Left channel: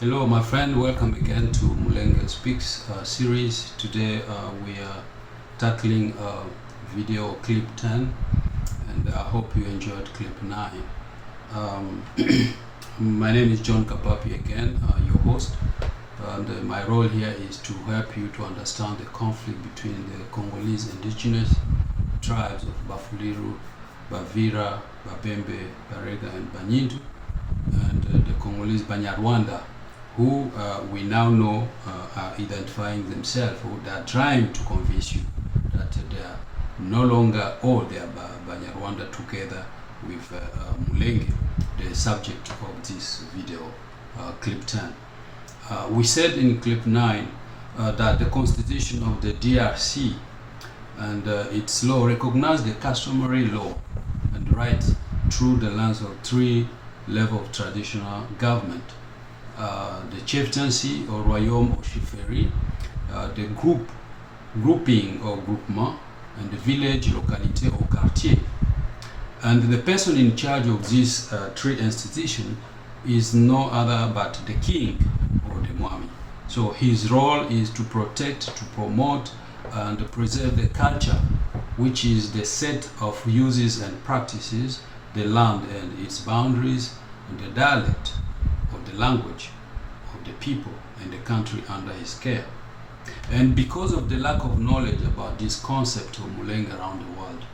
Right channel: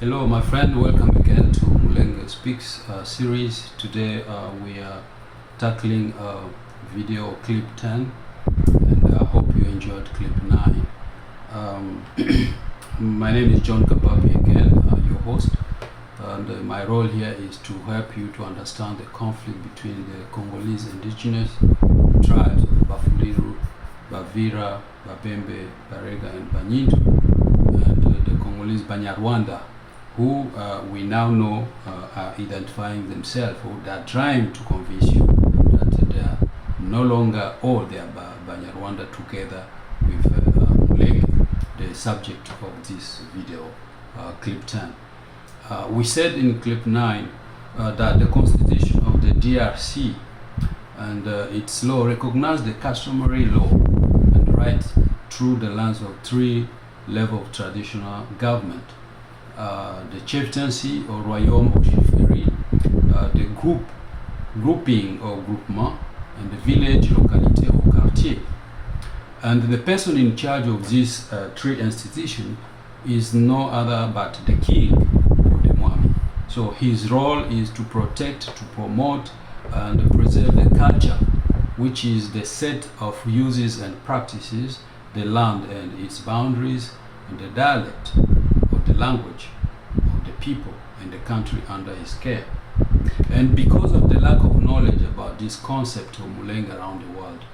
Hello, my friend. Welcome again to Mulenge Speaks series. Today we are tackling video clip 10, and I hope you enjoyed clip 9. My name is John Kapapi again, your host, and my role here is to help you to understand the conflict between the Congolese indigenous tribes of Bafuliru, Bavira, Babembe, Barega, and Banyindu, and the Congolese Banyarwanda, who we now know are identifying themselves, or they are trying to convince you that they are no longer all they are Banyarwanda together with Mulenge, the subject of this video, clip 10. We said in clip 9 that the constitution of the DRC and its law recognize the customary law and right through the lens of three levels of traditional government. The chieftaincy or royaume or chefferie, the grouping or groupement, and the village, localité or quartier. And the person in charge of these three institutions is no other but the king or the mwami. So his role is to protect, to promote, and preserve the culture, which is the set of uses and practices, the land and its boundaries, and the dialect or the language of the people and the country under his care. And because of the lack of knowledge about this concept of Mulenge around the world,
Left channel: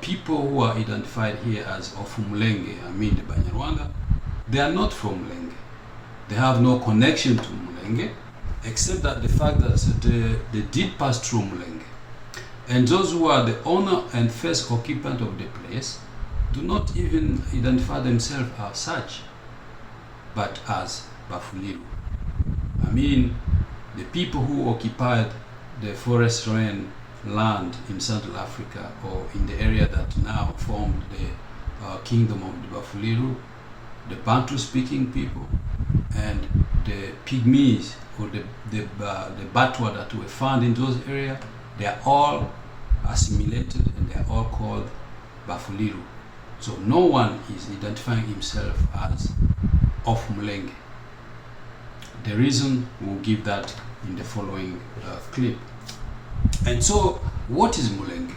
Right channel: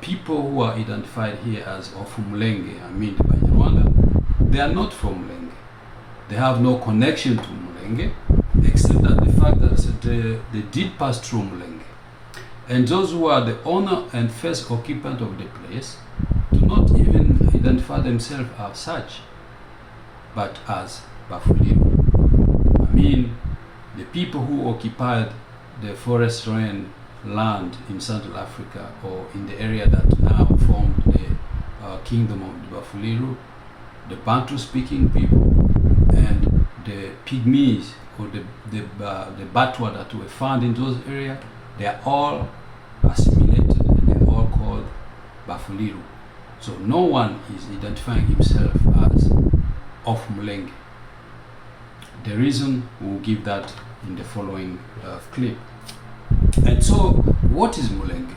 people who are identified here as of Mulenge, I mean the Banyarwanda, they are not from Mulenge. They have no connection to Mulenge, except that the fact that they did pass through Mulenge. And those who are the owner and first occupant of the place do not even identify themselves as such, but as Bafuliru. I mean, the people who occupied the forest rain land in Central Africa, or in the area that now formed the kingdom of the Bafuliru, the Bantu-speaking people, and the Pygmies, or the Batwa that were found in those areas, they are all assimilated and they are all called Bafuliru. So no one is identifying himself as of Mulenge. The reason we'll give that in the following clip. And so, what is Mulenge?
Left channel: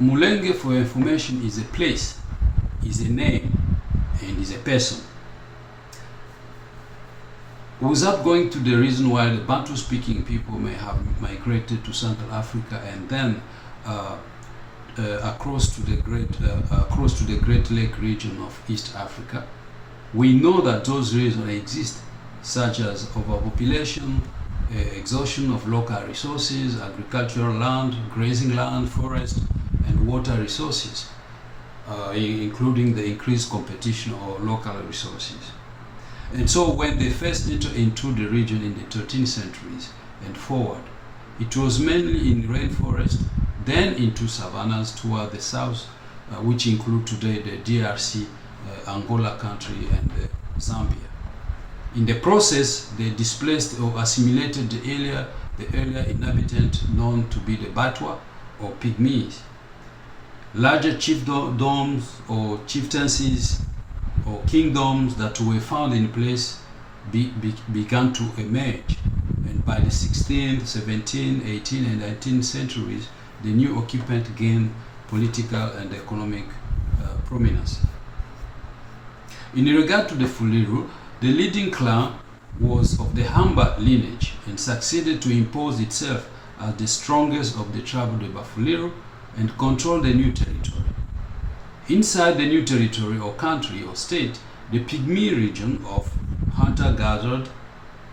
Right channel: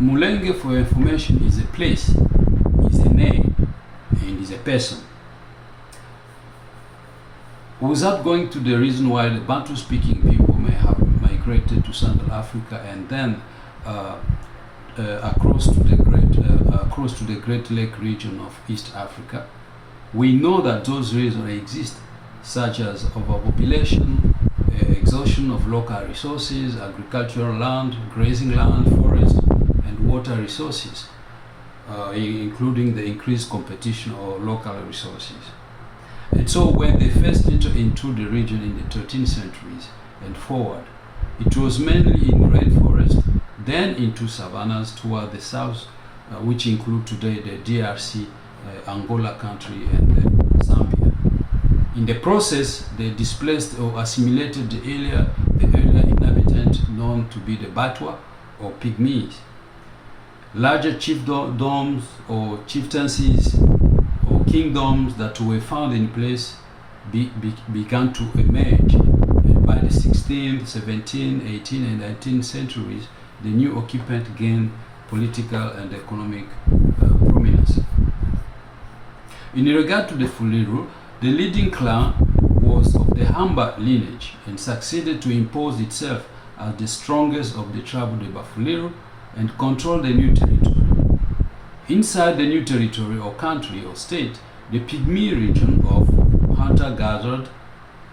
Mulenge, for information, is a place, is a name, and is a person. Without going to the reason why the Bantu-speaking people may have migrated to Central Africa and then across to the Great Lake region of East Africa, we know that those reasons exist, such as overpopulation, exhaustion of local resources, agricultural land, grazing land, forest, and water resources, including the increased competition of local resources. And so when they first entered into the region in the 13th centuries and forward, it was mainly in rainforest, then into savannas toward the south, which include today the DRC, Angola country, and Zambia. In the process, they displaced or assimilated the earlier inhabitant known to be the Batwa or Pygmies. Larger chiefdoms or chieftaincies or kingdoms that were found in place began to emerge. And by the 16th, 17th, 18th, and 19th centuries, the new occupant gained political and economic prominence. In regard to the Fuliru, the leading clan was of the Hamba lineage and succeeded to impose itself as the strongest of the tribe of the Bafuliru and control the new territory. Inside the new territory or country or state, the Pygmy region of hunter-gathered,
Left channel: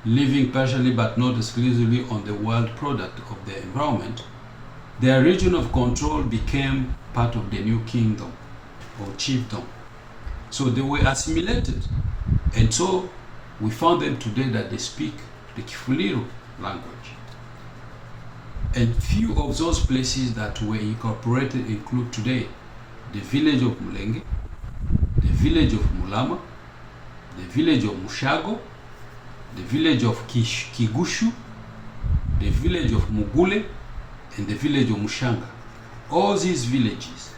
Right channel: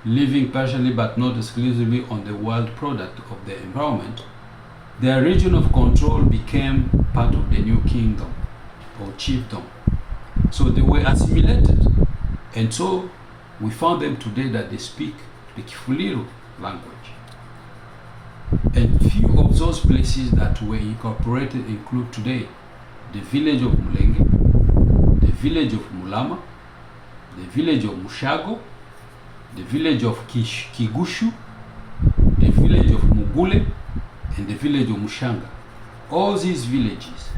living partially but not exclusively on the wild product of the environment, their region of control became part of the new kingdom or chiefdom. So they were assimilated. And so we found them today that they speak the Kifuliru language. And few of those places that were incorporated include today the village of Mulenge, the village of Mulama, the village of Mushago, the village of Kigushu, the village of Mugule, and the village of Mushanga. All these villages,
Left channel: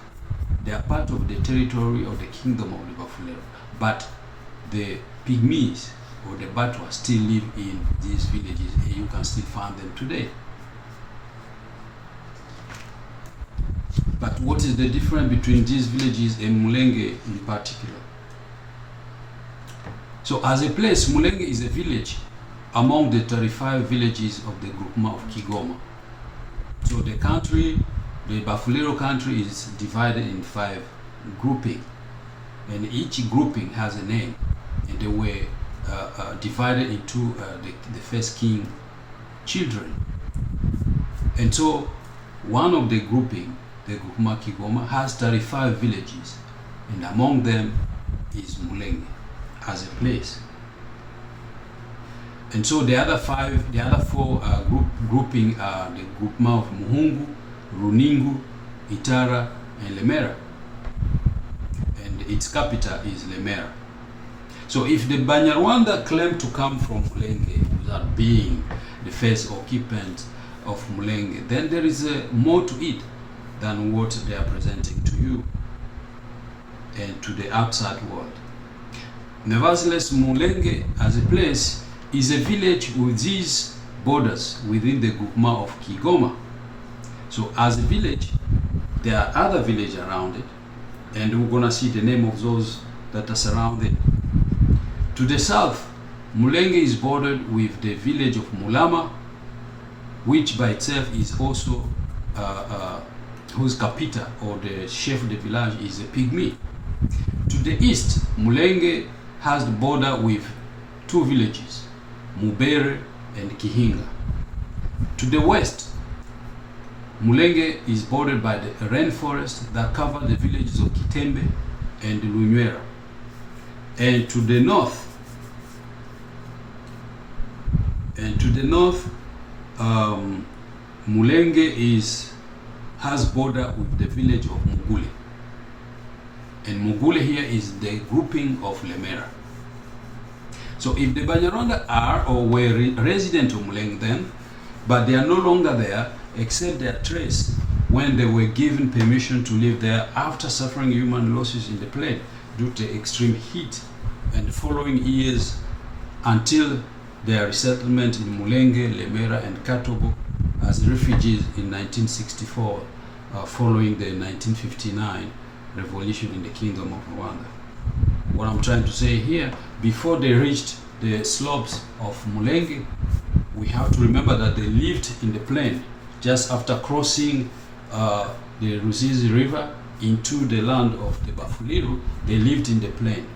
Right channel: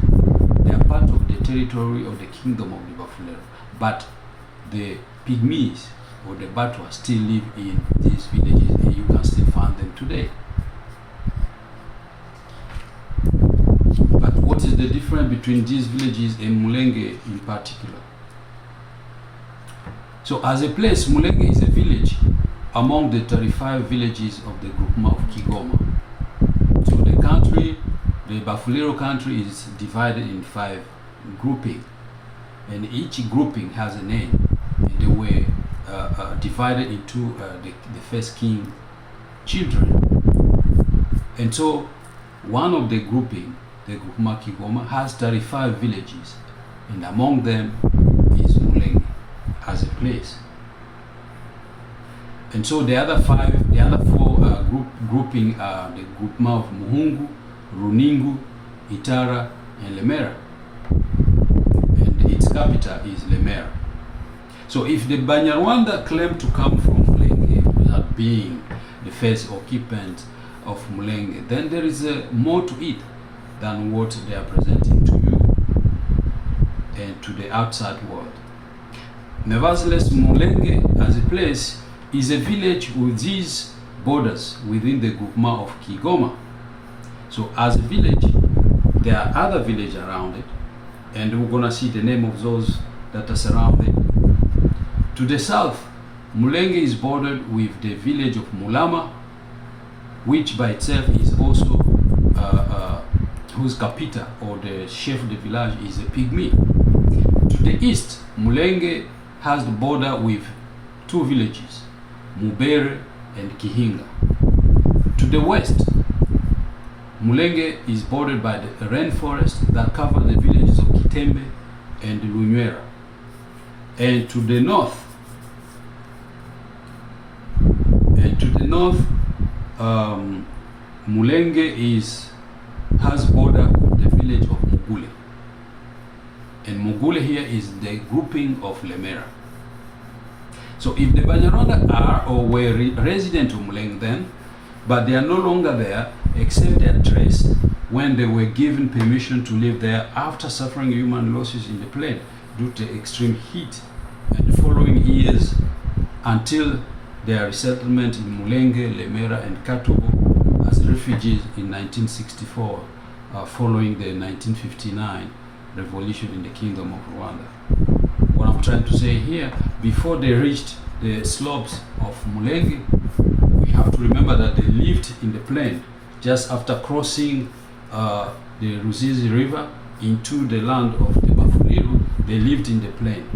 they are part of the territory of the kingdom of the Bafuliru. But the Pygmies or the Batwa still live in these villages, and you can still find them today. But what is the difference between these villages and Mulenge in particular? So as a place, Mulenge is a village among the 35 villages of the groupement of Kigoma. So the country, the Bafulero country, is divided in 5 groupings, and each grouping has a name, and they were divided into the first king children. And so one of the grouping, the groupement Kigoma, has 35 villages, and among them is Mulenge as a place. And so the other 4 grouping are the groupement of Muhungu, Runingu, Itara, and Lemera. And its capital is Lemera. So if the Banyarwanda claim to come from Mulenge without being the first occupant of Mulenge, then there is more to it than what they are presenting to you and to the outside world. Nevertheless, Mulenge as a place is a village with these borders within the groupement of Kigoma. So as a village, there are other villages around it, and we're gonna see the name of those that are surrounded. To the south, Mulenge is bordered with the village of Mulama, which by itself is also whose capital or the chef de village is a pygmy. To the east, Mulenge has the border with 2 villages, Mubere and Kihinga. To the west, Mulenge is bordered by the rainforest that cover the villages of Kitembe and Lunywera. And to the north, Mulenge has border with the village of Mugule. And Mugule here is the grouping of Lemera. So if the Banyarwanda are or were resident of Mulenge then, but they are no longer there except their trace when they were given permission to live there after suffering human losses in the plain due to extreme heat, and the following years until their resettlement in Mulenge, Lemera, and Katobo as refugees in 1964 following the 1959 revolution in the Kingdom of Rwanda. What I'm trying to say here, before they reached the slopes of Mulenge, we have to remember that they lived in the plain just after crossing the Ruzizi River into the land of the Bafuliru. They lived in the plain,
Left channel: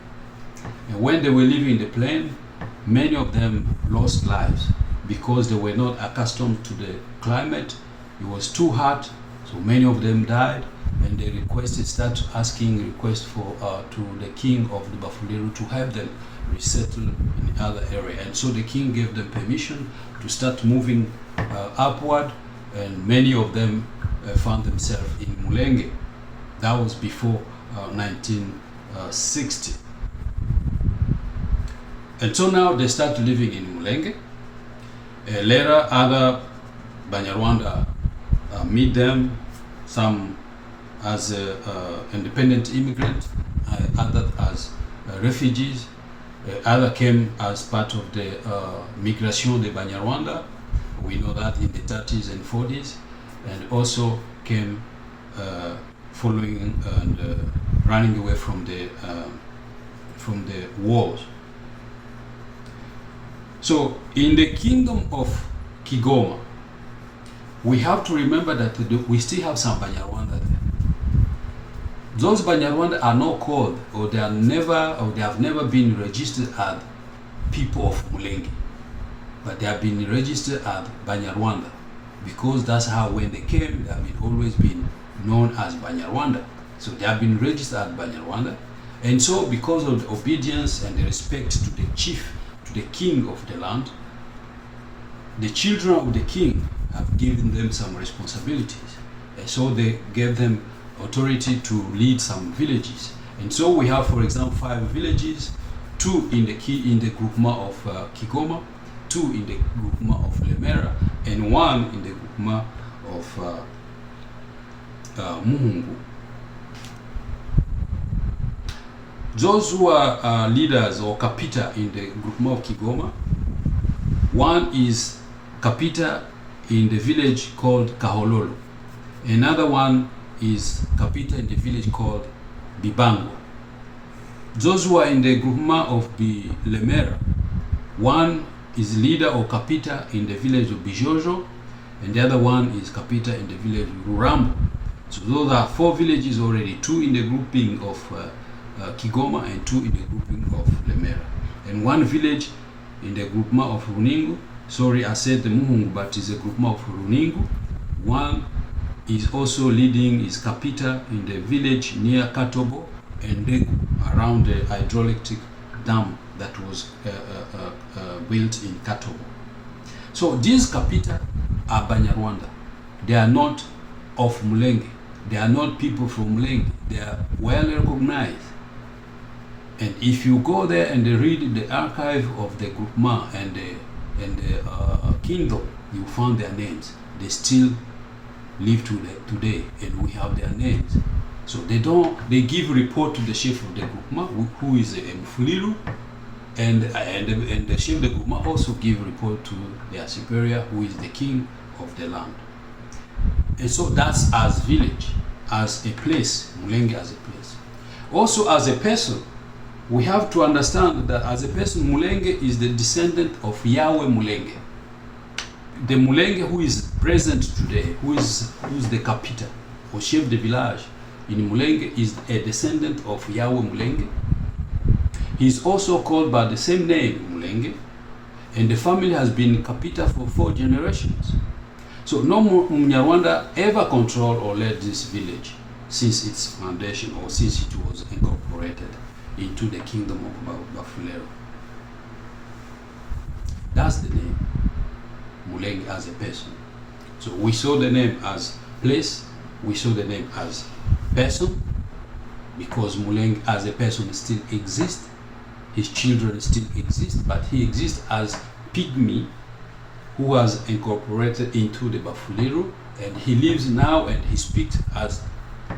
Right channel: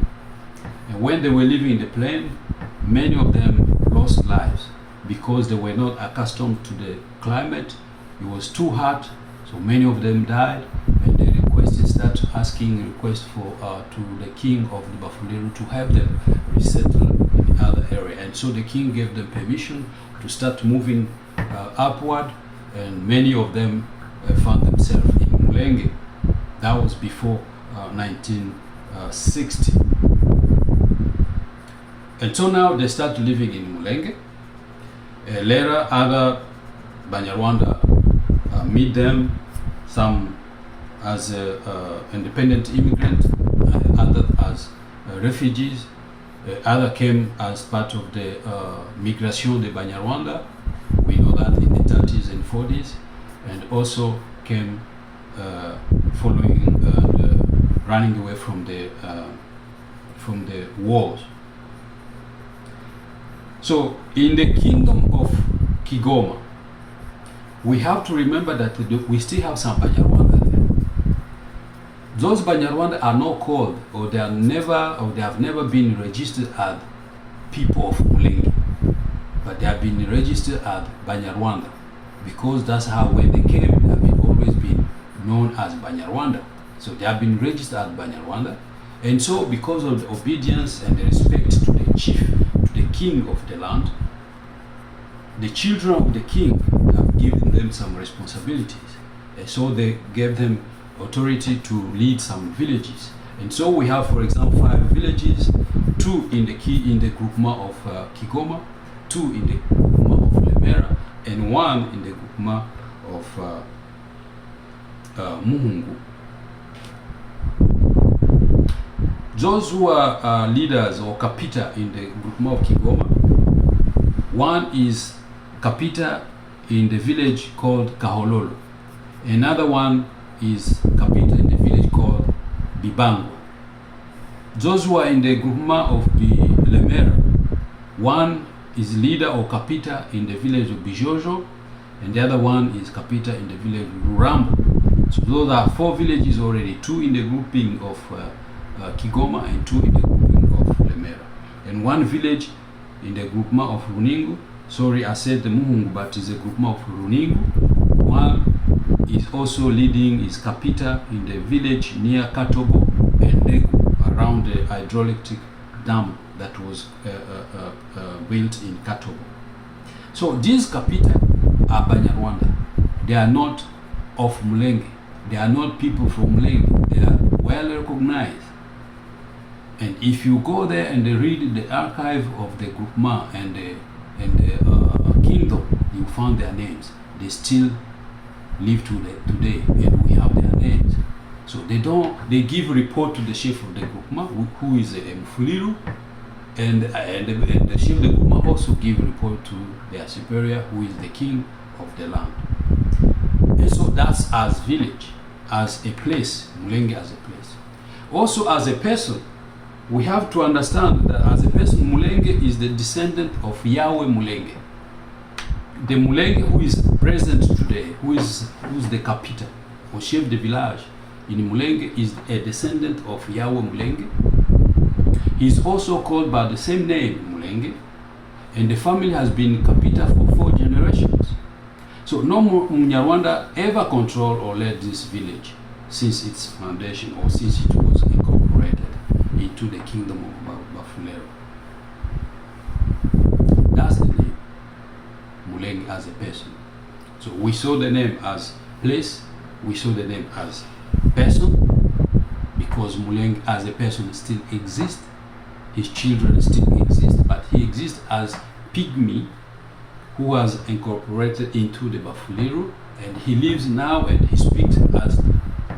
and when they were living in the plain, many of them lost lives because they were not accustomed to the climate. It was too hot, so many of them died, and they started asking requests for to the king of the Bafuliru to help them resettle in other area. And so the king gave them permission to start moving upward, and many of them found themselves in Mulenge. That was before 1960. And so now they start living in Mulenge. Later, other Banyarwanda meet them, some as independent immigrants, others as refugees. Others came as part of the Migration de Banyarwanda. We know that in the 30s and 40s, and also came following and running away from the wars. So in the kingdom of Kigoma, we have to remember that we still have some Banyarwanda there. Those Banyarwanda are not called, or they have never been registered as people of Mulenge, but they have been registered as Banyarwanda because that's how when they came, they have always been known as Banyarwanda. So they have been registered as Banyarwanda, and so because of the obedience and the respect to the chief, to the king of the land, the children of the king have given them some responsibilities, and so they gave them authority to lead some villages. And so we have, for example, 5 villages, 2 in the groupement of Kigoma, 2 in the groupement of Lemera, and 1 in the groupement of Muhungu. Those who are leaders or kapita in the groupement of Kigoma, one is kapita in the village called Kahololo. Another one is kapita in the village called Bibangwa. Those who are in the groupement of Lemera, one is leader or kapita in the village of Bijojo, and the other one is kapita in the village of Rurambo. So those are 4 villages already, 2 in the grouping of Kigoma and 2 in the grouping of Lemera. And 1 village in the groupement of Runingu. Sorry, I said the Muhungu, but it's a groupement of Runingu. One is also leading is kapita in the village near Katobo and Degu, around the hydroelectric dam that was built in Katobo. So these kapita are Banyarwanda. They are not of Mulenge. They are not people from Mulenge. They are well recognized. And if you go there and read the archive of the groupement and the kingdom, you find their names. They still live today, and we have their names. So they give report to the chief of the groupement, who is Mfuliru, and the chief of the groupement also give report to their superior, who is the king of the land. And so that's as village, as a place, Mulenge as a place. Also as a person, we have to understand that as a person, Mulenge is the descendant of Yahweh Mulenge. The Mulenge who is present today, who's the kapita or chef de village in Mulenge, is a descendant of Yahweh Mulenge. He is also called by the same name, Mulenge, and the family has been kapita for 4 generations. So no Munyarwanda ever controlled or led this village since its foundation or since it was incorporated into the kingdom of Bafulero. That's the name, Mulenge as a person. So we saw the name as place, we saw the name as person, because Mulenge as a person still exists, his children still exist, but he exists as pygmy who was incorporated into the Bafuliru, and he lives now and he speaks as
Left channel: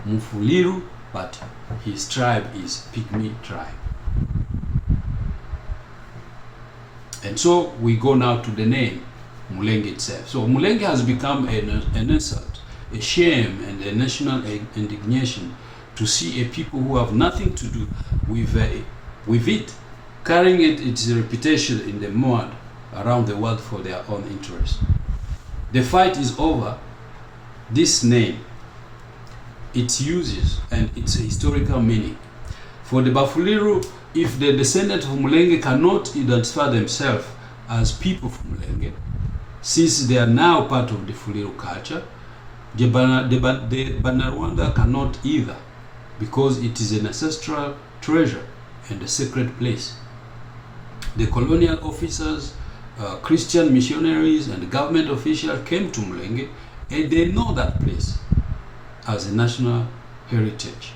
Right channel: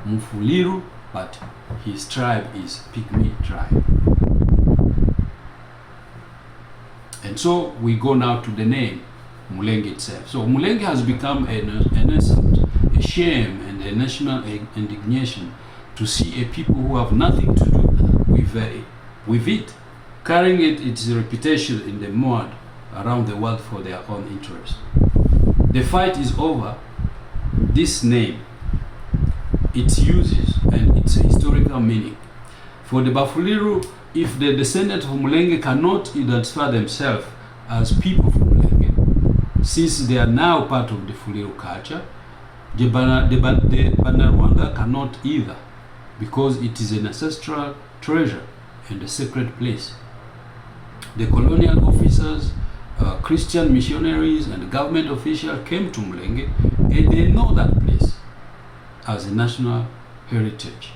Mufuliru, but his tribe is Pygmy tribe. And so we go now to the name Mulenge itself. So Mulenge has become an insult, a shame, and a national indignation to see a people who have nothing to do with it, carrying its reputation in the mud around the world for their own interest. The fight is over. This name, its uses and its historical meaning. For the Bafuliru, if the descendants of Mulenge cannot identify themselves as people from Mulenge, since they are now part of the Fuliru culture, the Banyarwanda cannot either, because it is an ancestral treasure and a sacred place. The colonial officers, Christian missionaries, and government officials came to Mulenge, and they know that place as a national heritage.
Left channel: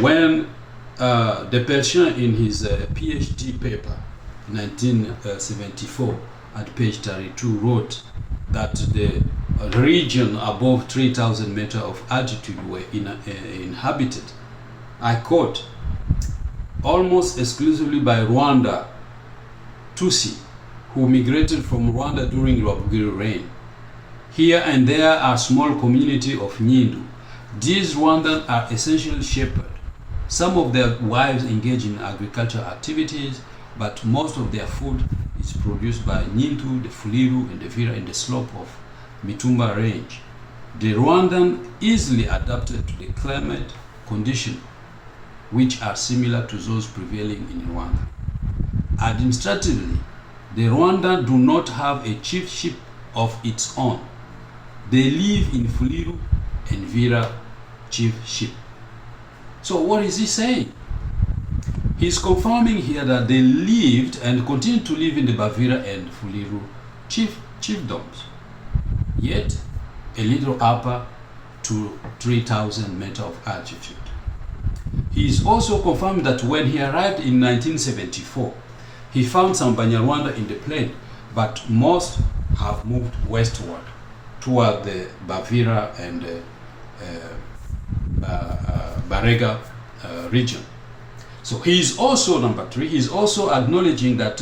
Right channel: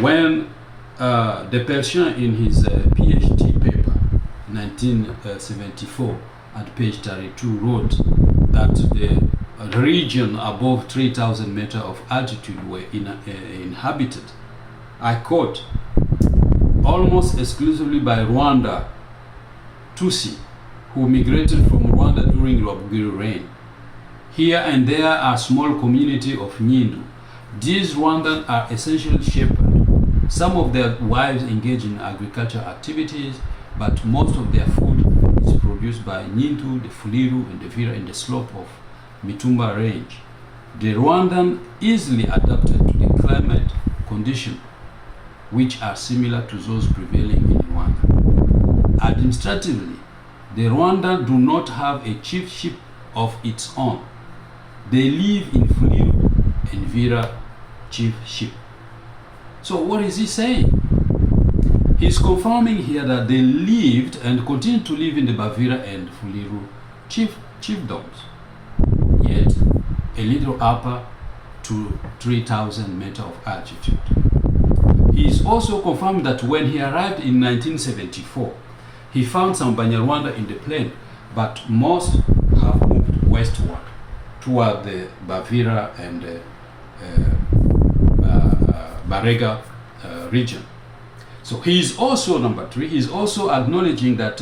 When the Persian in his PhD paper in 1974 at page 32 wrote that the region above 3,000 meters of altitude were inhabited, I quote, almost exclusively by Rwanda Tutsi, who migrated from Rwanda during Rwabugiri reign. Here and there are small community of Nyindu. These Rwandans are essentially shepherds. Some of their wives engage in agricultural activities, but most of their food is produced by Nyindu, the Fuliru, and the Vira in the slope of Mitumba range. The Rwandan easily adapted to the climate conditions, which are similar to those prevailing in Rwanda. Administratively, the Rwandan do not have a chiefship of its own. They live in Fuliru and Vira chiefship. So what is he saying? He's confirming here that they lived and continue to live in the Bavira and Fuliru chiefdoms, yet a little upper to 3,000 meters of altitude. He is also confirmed that when he arrived in 1974, he found some Banyarwanda in the plain, but most have moved westward toward the Bavira and Barega region. So he is also, number 3, he is also acknowledging that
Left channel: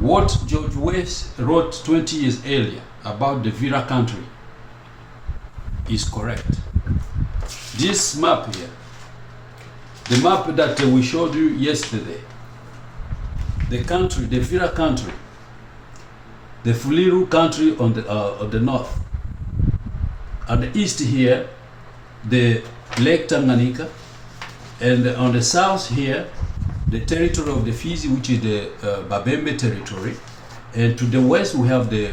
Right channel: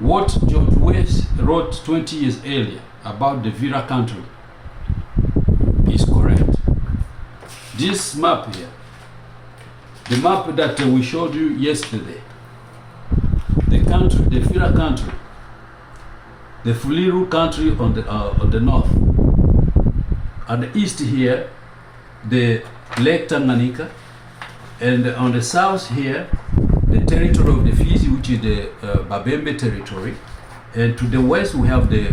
what George West wrote 20 years earlier about the Vira country is correct. This map here, the map that we showed you yesterday, the country, the Vira country, the Fuliru country on the north, at the east here, the Lake Tanganyika, and on the south here, the territory of the Fizi, which is the Babembe territory, and to the west we have the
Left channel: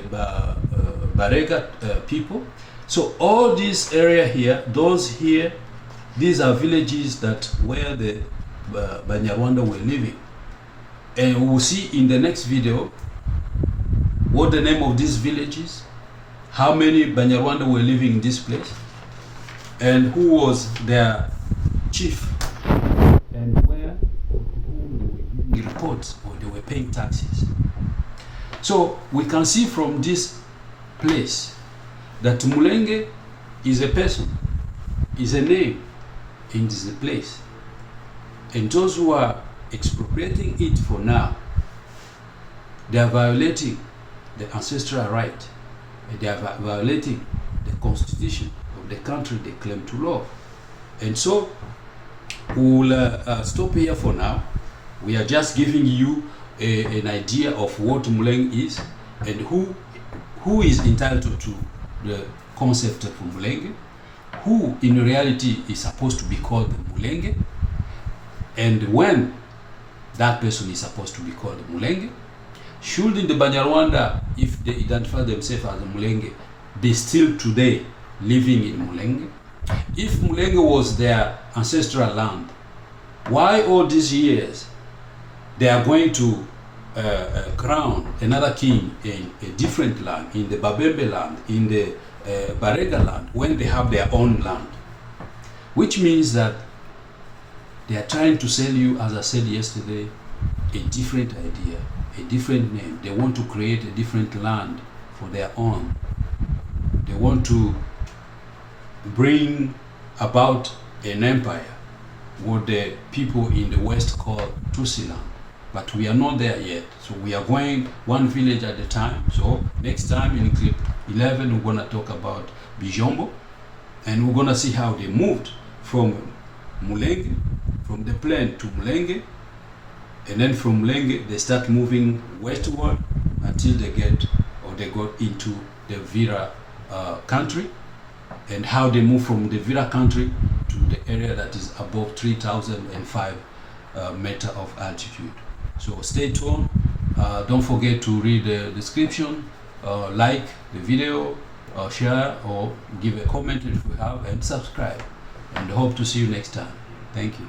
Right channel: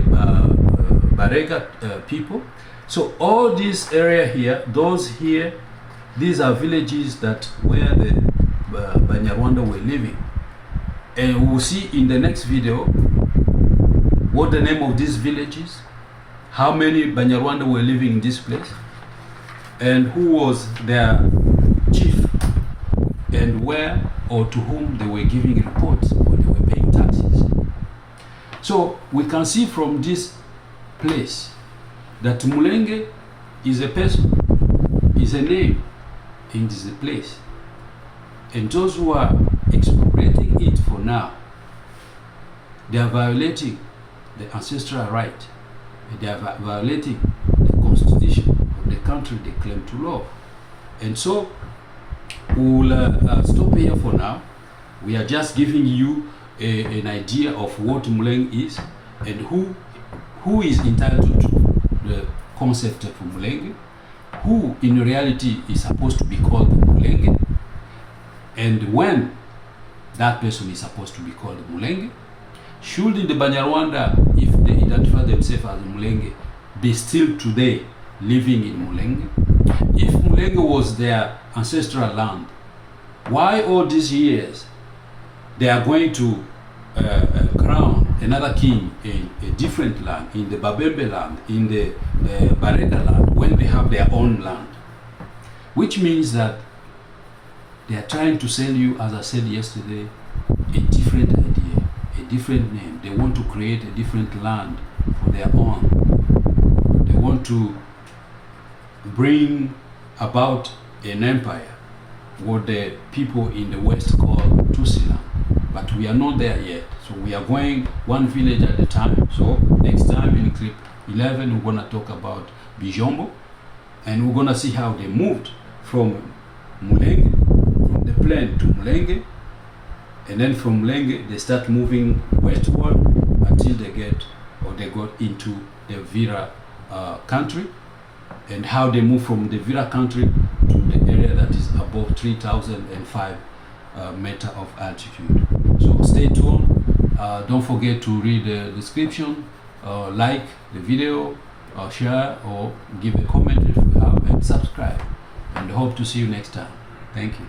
Barega people. So all this area here, those here, these are villages that where the Banyarwanda were living. And we will see in the next video what the name of these villages, how many Banyarwanda were living in this place, and who was their chief, and where or to whom they were giving reports or they were paying taxes. So we can see from this place that Mulenge is a person, is a name, and is a place. And those who are expropriating it for now, they are violating the ancestral right, and they are violating the constitution of the country they claim to love. And so we'll stop here for now. We are just giving you an idea of what Mulenge is and who is entitled to the concept of Mulenge, who in reality is supposed to be called Mulenge, and when that person is supposed to be called Mulenge. Should in the Banyarwanda, if they identify themselves as Mulenge, be still today living in Mulenge? If Mulenge was their ancestral land, why all these years they are going to crown another king in a different land, in the Babembe land, in the Barega land, when they have their own land? Which means that they are trying to sell you, as I said yesterday, a different idea, a different name. They want to create a different land for their own. They want to bring about an empire, what the people in the West call Tusiland. But we are not there yet. So we are going one village at a time. So next time in clip 11, we're going to talk about Bijombo. And we're going to see how they moved from Mulenge, from the plain to Mulenge. And then from Mulenge, they start moving westward until they got into the Vira country. And how they move from the Vira country to the area that is above 3,005 meter of altitude. So stay tuned. Don't forget to read the description, like the video, share or give a comment if you have, and subscribe. And hope to see you next time. Thank you.